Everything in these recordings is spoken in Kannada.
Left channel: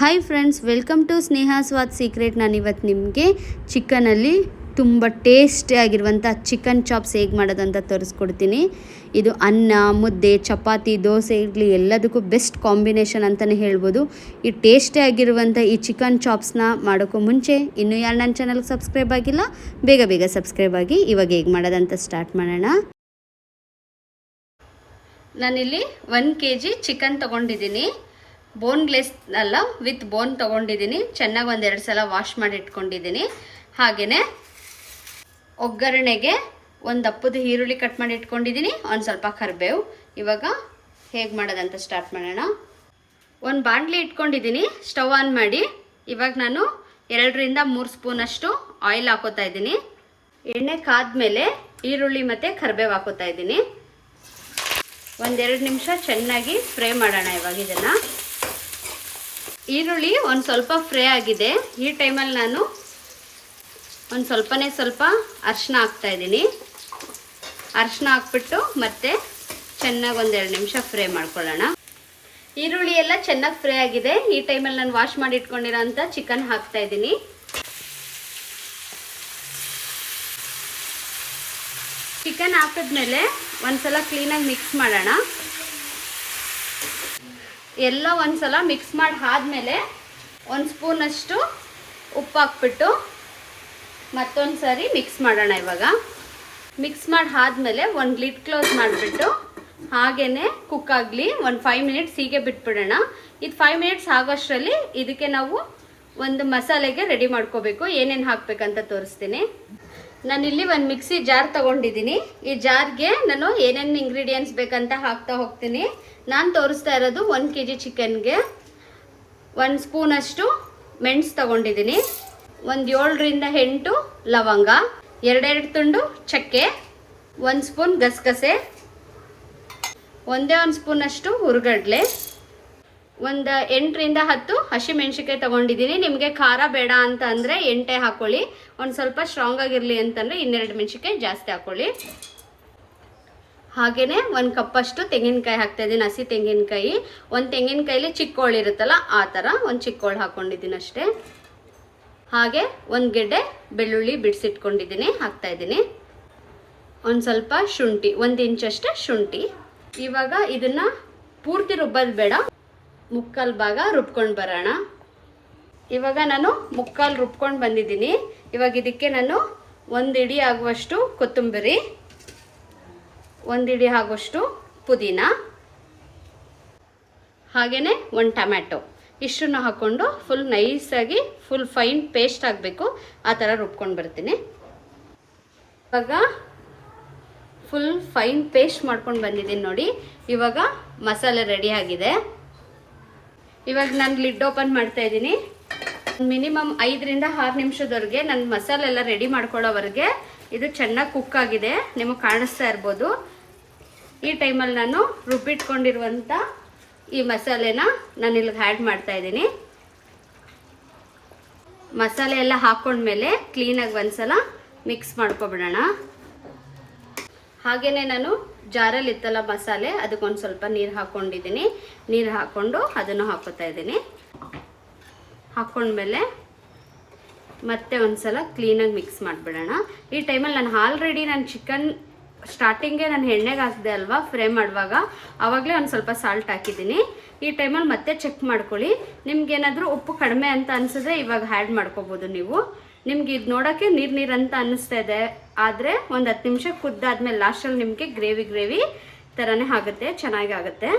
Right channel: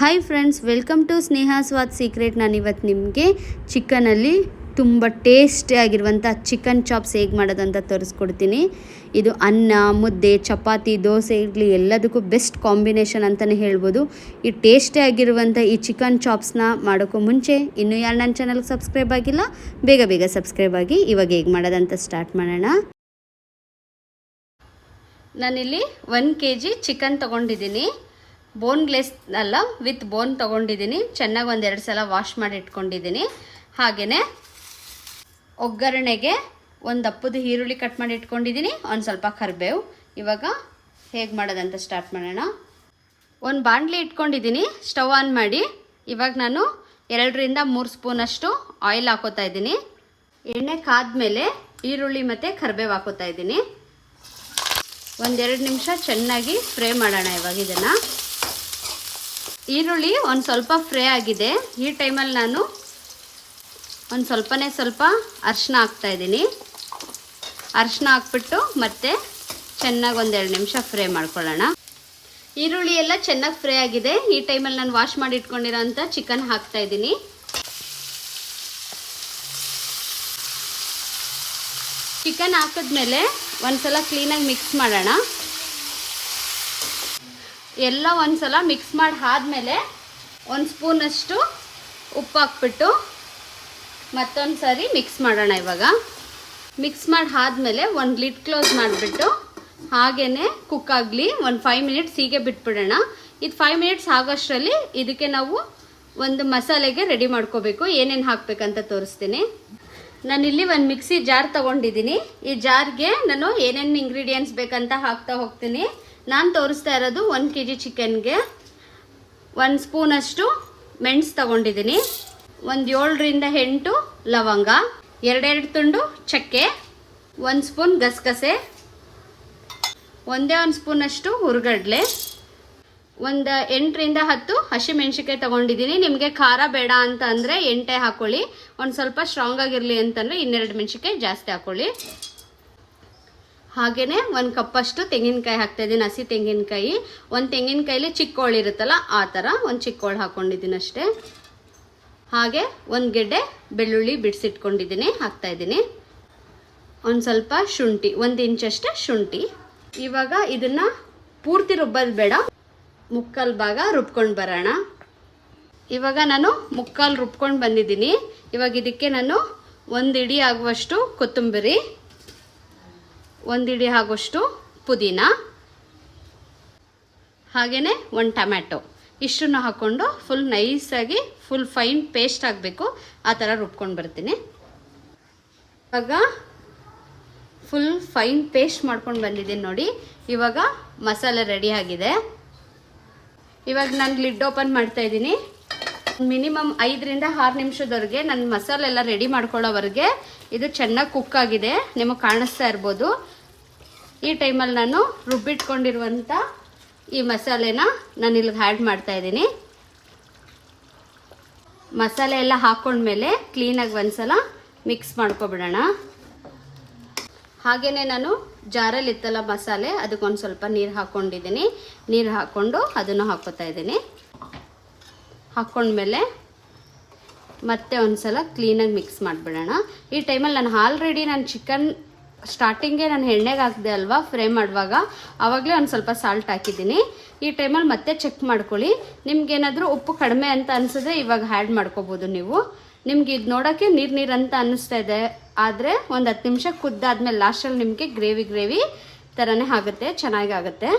Hi friends, welcome to Sneha Swad secret. ನಾನಿವತ್ತು ನಿಮಗೆ ಚಿಕನಲ್ಲಿ ತುಂಬ ಟೇಸ್ಟಿಯಾಗಿರುವಂಥ ಚಿಕನ್ ಚಾಪ್ಸ್ ಹೇಗೆ ಮಾಡೋದಂತ ತೋರಿಸ್ಕೊಡ್ತೀನಿ. ಇದು ಅನ್ನ, ಮುದ್ದೆ, ಚಪಾತಿ, ದೋಸೆ, ಇಡ್ಲಿ ಎಲ್ಲದಕ್ಕೂ ಬೆಸ್ಟ್ ಕಾಂಬಿನೇಷನ್ ಅಂತಲೇ ಹೇಳ್ಬೋದು. ಈ ಟೇಸ್ಟಿಯಾಗಿರುವಂಥ ಈ ಚಿಕನ್ ಚಾಪ್ಸ್ನ ಮಾಡೋಕ್ಕೂ ಮುಂಚೆ ಇನ್ನೂ ಯಾರು ನನ್ನ ಚಾನಲ್ಗೆ ಸಬ್ಸ್ಕ್ರೈಬ್ ಆಗಿಲ್ಲ, ಬೇಗ ಬೇಗ ಸಬ್ಸ್ಕ್ರೈಬ್ ಆಗಿ. ಇವಾಗ ಹೇಗೆ ಮಾಡೋದಂತ ಸ್ಟಾರ್ಟ್ ಮಾಡೋಣ. ನಾನಿಲ್ಲಿ 1 kg ಚಿಕನ್ ತೊಗೊಂಡಿದ್ದೀನಿ. ಬೋನ್ಲೆಸ್ ಅಲ್ಲ, ವಿತ್ ಬೋನ್ ತೊಗೊಂಡಿದ್ದೀನಿ. ಚೆನ್ನಾಗಿ 1-2 ಸಲ ವಾಶ್ ಮಾಡಿ ಇಟ್ಕೊಂಡಿದ್ದೀನಿ. ಹಾಗೆಯೇ ಒಗ್ಗರಣೆಗೆ ಒಂದು ದಪ್ಪದ ಈರುಳ್ಳಿ ಕಟ್ ಮಾಡಿ ಇಟ್ಕೊಂಡಿದ್ದೀನಿ, ಒಂದು ಸ್ವಲ್ಪ ಕರಿಬೇವು. ಇವಾಗ ಹೇಗೆ ಮಾಡೋದಂತ ಸ್ಟಾರ್ಟ್ ಮಾಡೋಣ. ಒಂದು ಬಾಣಲಿ ಇಟ್ಕೊಂಡಿದ್ದೀನಿ, ಸ್ಟವ್ ಆನ್ ಮಾಡಿ. ಇವಾಗ ನಾನು 2-3 ಸ್ಪೂನಷ್ಟು ಆಯಿಲ್ ಹಾಕೋತಾ ಇದ್ದೀನಿ. ಎಣ್ಣೆ ಕಾದ್ಮೇಲೆ ಈರುಳ್ಳಿ ಮತ್ತು ಕರಿಬೇವು ಹಾಕೋತಾ ಇದ್ದೀನಿ. 1-2 ನಿಮಿಷ ಚೆನ್ನಾಗಿ ಫ್ರೈ ಮಾಡೋಣ. ಇವಾಗ ಇದನ್ನು ಈರುಳ್ಳಿ ಒಂದು ಸ್ವಲ್ಪ ಫ್ರೈ ಆಗಿದೆ. ಈ ಟೈಮಲ್ಲಿ ನಾನು ಒಂದು ಸ್ವಲ್ಪ ಅರಿಶಿನ ಹಾಕ್ತಾಯಿದ್ದೀನಿ. ಅರಿಶಿನ ಹಾಕ್ಬಿಟ್ಟು ಮತ್ತೆ ಚೆನ್ನಾಗಿ 1-2 ನಿಮಿಷ ಫ್ರೈ ಮಾಡ್ಕೊಳ್ಳೋಣ. ಈರುಳ್ಳಿ ಎಲ್ಲ ಚೆನ್ನಾಗಿ ಫ್ರೈ ಆಗಿದೆ. ಈ ಟೈಮಲ್ಲಿ ನಾನು ವಾಶ್ ಮಾಡಿ ಇಟ್ಕೊಂಡಿರೋಂಥ ಚಿಕನ್ ಹಾಕ್ತಾಯಿದ್ದೀನಿ. ಚಿಕನ್ ಹಾಕಿದ್ಮೇಲೆ ಒಂದ್ಸಲ ಕ್ಲೀನಾಗಿ ಮಿಕ್ಸ್ ಮಾಡೋಣ. ಎಲ್ಲ ಒಂದ್ಸಲ ಮಿಕ್ಸ್ ಮಾಡಿ ಆದಮೇಲೆ 1 ಸ್ಪೂನಷ್ಟು ಉಪ್ಪು ಹಾಕ್ಬಿಟ್ಟು ಮತ್ತೊಂದು ಸಾರಿ ಮಿಕ್ಸ್ ಮಾಡೋಣ. ಇವಾಗ ಮಿಕ್ಸ್ ಮಾಡಿ ಆದಮೇಲೆ ಒಂದು ಲಿಡ್ ಕ್ಲೋಸ್ ಮಾಡಿಬಿಟ್ಟು ಹಾಗೇ ಕುಕ್ ಆಗಲಿ. ಒಂದು 5 ಮಿನಿಟ್ಸ್ ಹೀಗೆ ಬಿಟ್ಬಿಡೋಣ. ಇದು 5 ಮಿನಿಟ್ಸ್ ಆಗೋಷ್ಟರಲ್ಲಿ ಇದಕ್ಕೆ ನಾವು ಒಂದು ಮಸಾಲೆಗೆ ರೆಡಿ ಮಾಡ್ಕೋಬೇಕು. ಏನೇನು ಹಾಕಬೇಕಂತ ತೋರಿಸ್ತೀನಿ. ನಾನಿಲ್ಲಿ ಒಂದು ಮಿಕ್ಸಿ ಜಾರ್ ತೊಗೊಂಡಿದ್ದೀನಿ. ಈ ಜಾರ್ಗೆ ನಾನು ಏನೇನು ಇಂಗ್ರೀಡಿಯೆಂಟ್ಸ್ ಬೇಕಂತ ಹಾಕ್ತಾ ಹೋಗ್ತೀನಿ. ನಾನು ತೋರಿಸ್ತಾ ಇರೋದು 1 kg ಚಿಕನ್ಗೆ 1 ಸ್ಪೂನಷ್ಟು ಮೆಣಸು ತೊಗೊಂಡಿದ್ದೀನಿ, ಒಂದು 7-8 ಲವಂಗ, 2 ತುಂಡು ಚಕ್ಕೆ, 1 ಸ್ಪೂನ್ ಗಸಗಸೆ, 1 ಸ್ಪೂನಷ್ಟು ಹುರ್ಗಡ್ಲೆ, ಒಂದು 8-10 ಹಸಿಮೆಣ್ಸಿಕಾಯಿ ತೊಗೊಂಡಿದ್ದೀನಿ. ನಿಮಗೆ ಖಾರ ಬೇಡ ಅಂತ ಅಂದರೆ 8 ಹಾಕ್ಕೊಳ್ಳಿ. ಒಂದು ಸ್ವಲ್ಪ ಸ್ಟ್ರಾಂಗ್ ಆಗಿರಲಿ ಅಂತಂದರೆ 2 ಮೆಣಸಿಕಾಯಿ ಜಾಸ್ತಿ ಹಾಕ್ಕೊಳ್ಳಿ. ಹಾಗೆಯೇ 1 ಕಪ್ಪಷ್ಟು ತೆಂಗಿನಕಾಯಿ ಹಾಕ್ತಾಯಿದ್ದೀನಿ, ಹಸಿ ತೆಂಗಿನಕಾಯಿ. ಒಂದು ತೆಂಗಿನಕಾಯಲ್ಲಿ ಚಿಕ್ಕೋಳು ಇರುತ್ತಲ್ಲ, ಆ ಥರ ಒಂದು ಚಿಕ್ಕೋಳು ಹಾಕ್ಕೊಂಡಿದ್ದೀನಿ ಅಷ್ಟೇ. ಹಾಗೆ 1 ಗೆಡ್ಡೆ ಬೆಳ್ಳುಳ್ಳಿ ಬಿಡಿಸಿಟ್ಕೊಂಡಿದ್ದೀನಿ, ಹಾಕ್ತಾಯಿದ್ದೀನಿ. ಒಂದು ಸ್ವಲ್ಪ ಶುಂಠಿ, 1 ಇಂಚಷ್ಟು ಶುಂಠಿ. ಇವಾಗ ಇದನ್ನು ಪೂರ್ತಿ ರುಬ್ಬೋದು ಬೇಡ, ಮುಕ್ಕಾಲು ಭಾಗ ರುಬ್ಕೊಂಡು ಬರೋಣ. ಇವಾಗ ನಾನು ಮುಕ್ಕಾಲು ರುಬ್ಕೊಂಡು ಬಂದಿದ್ದೀನಿ. ಇವಾಗ ಇದಕ್ಕೆ ನಾನು 1 ಇಡಿ ಆಗುವಷ್ಟು ಕೊತ್ತಂಬರಿ, 1 ಇಡಿ ಆಗುವಷ್ಟು ಪುದೀನ, ಹಾಗೆಯೇ 1 ಟೊಮ್ಯಾಟೊ ಇಷ್ಟನ್ನು ಹಾಕ್ಕೊಂಡು ಫುಲ್ ನೈಸಾಗಿ ಫುಲ್ ಫೈನ್ ಪೇಸ್ಟ್ ಆಗಬೇಕು, ಆ ಥರ ರುಬ್ಕೊಂಡು ಬರ್ತೀನಿ. ಇವಾಗ ಫುಲ್ ಫೈನ್ ಪೇಸ್ಟ್ ಮಾಡ್ಕೊಂಡು ಬಂದಿದ್ದೀನಿ ನೋಡಿ. ಇವಾಗ ಮಸಾಲೆ ರೆಡಿ ಆಗಿದೆ. ಇವಾಗ ನಾನು ಲಿಡ್ ಓಪನ್ ಮಾಡ್ತಾ ಇದ್ದೀನಿ. ಮಿನಿಮಮ್ 5-6 ನಿಮಿಷದವರೆಗೆ ನನ್ನ ಮಸಾಲೆ ಎಲ್ಲ ರೆಡಿ ಮಾಡ್ಕೊಳ್ಳೋವರೆಗೆ ಇದು ಚೆನ್ನಾಗಿ ಕುಕ್ ಆಗಿದೆ, ನಿಮಗೆ ಕಾಣಿಸ್ತಾ ಇರ್ಬೋದು. ಈ ಟೈಮಲ್ಲಿ ನಾನು ರುಬ್ಬಿಟ್ಕೊಂಡಿರುವಂಥ ಈ ಮಸಾಲೆನ ನಾನು ಇಲ್ಲಿಗೆ ಆ್ಯಡ್ ಮಾಡ್ತಾ ಇದ್ದೀನಿ. ಮಸಾಲೆ ಎಲ್ಲ ಹಾಕ್ಕೊಂಡ್ಮೇಲೆ ಕ್ಲೀನಾಗಿ ಒಂದ್ಸಲ ಮಿಕ್ಸ್ ಮಾಡ್ಕೊಬಿಡೋಣ. ಹಾಗೆಯೇ ನಾನು ಜಾರಲ್ಲಿ ಇತ್ತಲ್ಲ ಮಸಾಲೆ, ಅದಕ್ಕೊಂದು ಸ್ವಲ್ಪ ನೀರು ಹಾಕ್ಕೊಂಡಿದ್ದೀನಿ. ನೀರು ಹಾಕ್ಕೊಂಡು ಅದನ್ನು ಹಾಕೋತಾ ಇದ್ದೀನಿ. ಹಾಕ್ಕೊಂಡ್ಮೇಲೆ ಮತ್ತೆ ಒಂದು ಸಲ ಕ್ಲೀನಾಗಿ ಮಿಕ್ಸ್ ಮಾಡಿಬಿಡೋಣ. ಈ ಟೈಮಲ್ಲಿ ನಾನು ಚಿಕನ್ ಸ್ಟಾರ್ಟಿಂಗೇ ನಾನು ಎಣ್ಣೆಗೆ ಹಾಕಿದೆ ಅಲ್ವಾ, ಫ್ರೈ ಮಾಡುವಾಗ ಆವಾಗಲೇ ಒಂದು ಸ್ವಲ್ಪ ಸಾಲ್ಟ್ ಹಾಕಿದ್ದೀನಿ. ಈ ಟೈಮಲ್ಲಿ ಮತ್ತೆ ಚೆಕ್ ಮಾಡ್ಕೊಳ್ಳಿ. ನಿಮ್ಗೇನಾದರೂ ಉಪ್ಪು ಕಡಿಮೆ ಅಂತ ಅನಿಸಿದ್ರೆ ಇವಾಗ ಆ್ಯಡ್ ಮಾಡ್ಕೋಬೋದು ನೀವು. ನಿಮ್ಗೆ ಇದು ನೋಡೋಕ್ಕೆ ನೀರು ಅಂತ ಅನ್ನಿಸ್ತಾ ಇದೆ, ಆದರೆ ಒಂದು 10 ನಿಮಿಷ ಕುದ್ದಾದ್ಮೇಲೆ ಲಾಸ್ಟಲ್ಲಿ ನಿಮಗೆ ಗ್ರೇವಿ ಥರನೇ ಆಗುತ್ತೆ, ಚೆನ್ನಾಗಿ ಆಗುತ್ತೆ.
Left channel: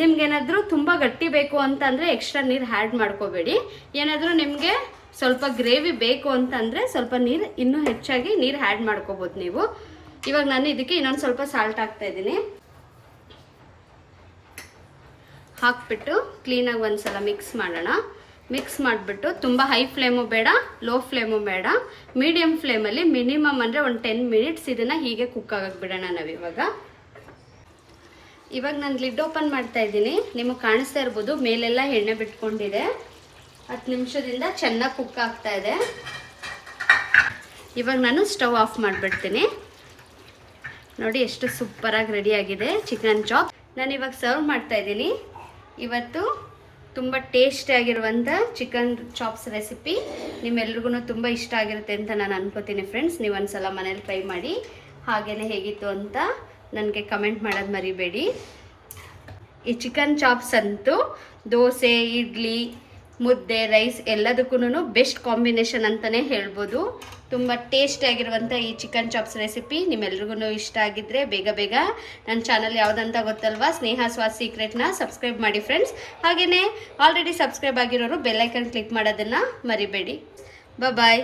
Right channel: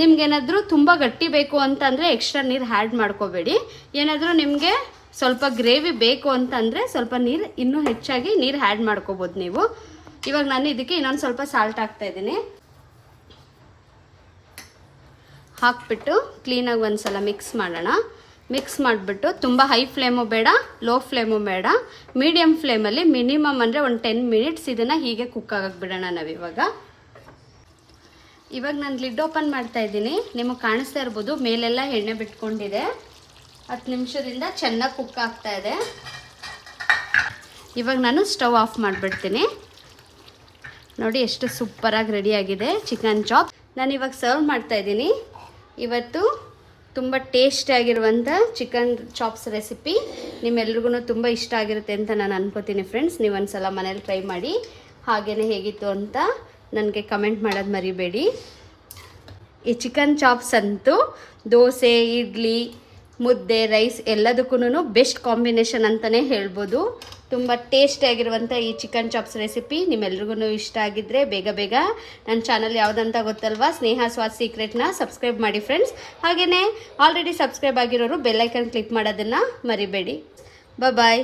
ನಿಮ್ಗೇನಾದರೂ ತುಂಬ ಗಟ್ಟಿ ಬೇಕು ಅಂತ ಅಂದರೆ ಎಕ್ಸ್ಟ್ರಾ ನೀರು ಆ್ಯಡ್ ಮಾಡ್ಕೋಬೇಡಿ. ಏನಾದರೂ ನಿಮಗೆ ಸ್ವಲ್ಪ ಗ್ರೇವಿ ಬೇಕು ಅಂತಂದರೆ ಸ್ವಲ್ಪ ನೀರು ಇನ್ನೂ ಹೆಚ್ಚಾಗಿ ನೀರು ಆ್ಯಡ್ ಮಾಡ್ಕೋಬೋದು ನೀವು. ಇವಾಗ ನಾನು ಇದಕ್ಕೆ ಇನ್ನೊಂದು ಸ್ವಲ್ಪ ಸಾಲ್ಟ್ ಹಾಕ್ತಾಯಿದ್ದೀನಿ. ಹಾಕ್ಬಿಟ್ಟು ಕ್ಲೀನಾಗಿ ಒಂದು ಸಲ ಮಿಕ್ಸ್ ಮಾಡೋಣ. ಮಿಕ್ಸ್ ಮಾಡಿಬಿಟ್ಟು ತುಂಬ ಹೈ ಫ್ಲೇಮು ಬೇಡ, ಲೋ ಫ್ಲೇಮು ಬೇಡ, ಮೀಡಿಯಮ್ ಫ್ಲೇಮಲ್ಲಿ ಮಿನಿಮಮ್ ಅಂದರೆ ಒಂದು 10 ಮಿನಿಟ್ಸ್ ಇದನ್ನು ಹೀಗೆ ಕುಕ್ ಆಗಕ್ಕೆ ಬಿಡೋಣ ನಾವಿವಾಗ. ಇವಾಗ ನಾನು ಲಿಡ್ ಓಪನ್ ಮಾಡ್ತಾ ಇದ್ದೀನಿ. ನಿಮಗೆ ಕಾಣಿಸ್ತಾ ಇರ್ಬೋದು ಮೇಲೆಲ್ಲ ಎಣ್ಣೆ ಬಿಟ್ಕೊಂಡಿದೆ. 10 ನಿಮಿಷದಿಂದ ಚೆನ್ನಾಗಿ ಕುಕ್ ಆಗ್ತಾ ಇದೆ. ಇವಾಗ ನಾನು ಸ್ಟವ್ ಆಫ್ ಮಾಡಿಬಿಡ್ತೀನಿ. ನೋಡಿ ಎಷ್ಟು ಸೂಪರಾಗಿ ರೆಡಿಯಾಗಿದೆ ಚಿಕನ್ ಚಾಪ್. ನಾನು ಇವಾಗ ಸರ್ವ್ ಮಾಡ್ತಾ ಇದ್ದೀನಿ. ಇವತ್ತು ತುಂಬ ಟೇಸ್ಟಿಯಾಗಿರುವಂಥ ಚಿಕನ್ ಚಾಪ್ಸ್ ರೆಸಿಪಿ ನಿಮ್ಮೆಲ್ರಿಗೂ ತುಂಬ ಇಷ್ಟ ಆಗಿರುತ್ತೆ ಅಂತ ನಾನು ಅನ್ಕೋತೀನಿ ಫ್ರೆಂಡ್ಸ್. ನೀವು ಒಂದ್ಸಲ ಮನೇಲಿ ಟ್ರೈ ಮಾಡಿ, ಹಾಗೆಯೇ ಹೇಗಿತ್ತು ಅಂತ ನನಗೆ ಕಮೆಂಟ್ ಮಾಡೋದು ಮರಿಬೇಡಿ. ಈ ಚಿಕನ್ ಚಾಪ್ಸ್ ಅಂತೂ ದೋಸೆ, ಇಡ್ಲಿ, ಮುದ್ದೆ, ರೈಸ್ ಎಲ್ಲದಕ್ಕೂ ಬೆಸ್ಟ್ ಕಾಂಬಿನೇಷನ್ ಅಂತಲೇ ಹೇಳ್ಬೋದು. ತುಂಬ ಟೇಸ್ಟಿಯಾಗಿರುವಂಥ ಈ ಚಿಕನ್ ಚಾಪ್ಸ್ ರೆಸಿಪಿ ನಿಮ್ಮೆಲ್ರಿಗೂ ಇಷ್ಟ ಆಗಿದ್ದರೆ ಬೇಗ ನನ್ನ ಚಾನಲ್ ಯಾವುದಂತ ಗೊತ್ತಲ್ವಾ, ಸ್ನೇಹ ಸ್ವಾದ್ ಸೀಕ್ರೆಟ್ನ ಸಬ್ಸ್ಕ್ರೈಬ್ ಮಾಡಿ ಫ್ರೆಂಡ್ಸ್. ಹಾಗೆಯೇ ಆಲ್ರೆಡಿ ಸಬ್ಸ್ಕ್ರೈಬ್ ಆಗಿರೋರು ಬೆಲ್ಲೈಕನ್ ಕ್ಲಿಕ್ ಮಾಡೋದನ್ನು ಮರಿಬೇಡಿ. ಬಾಯ್.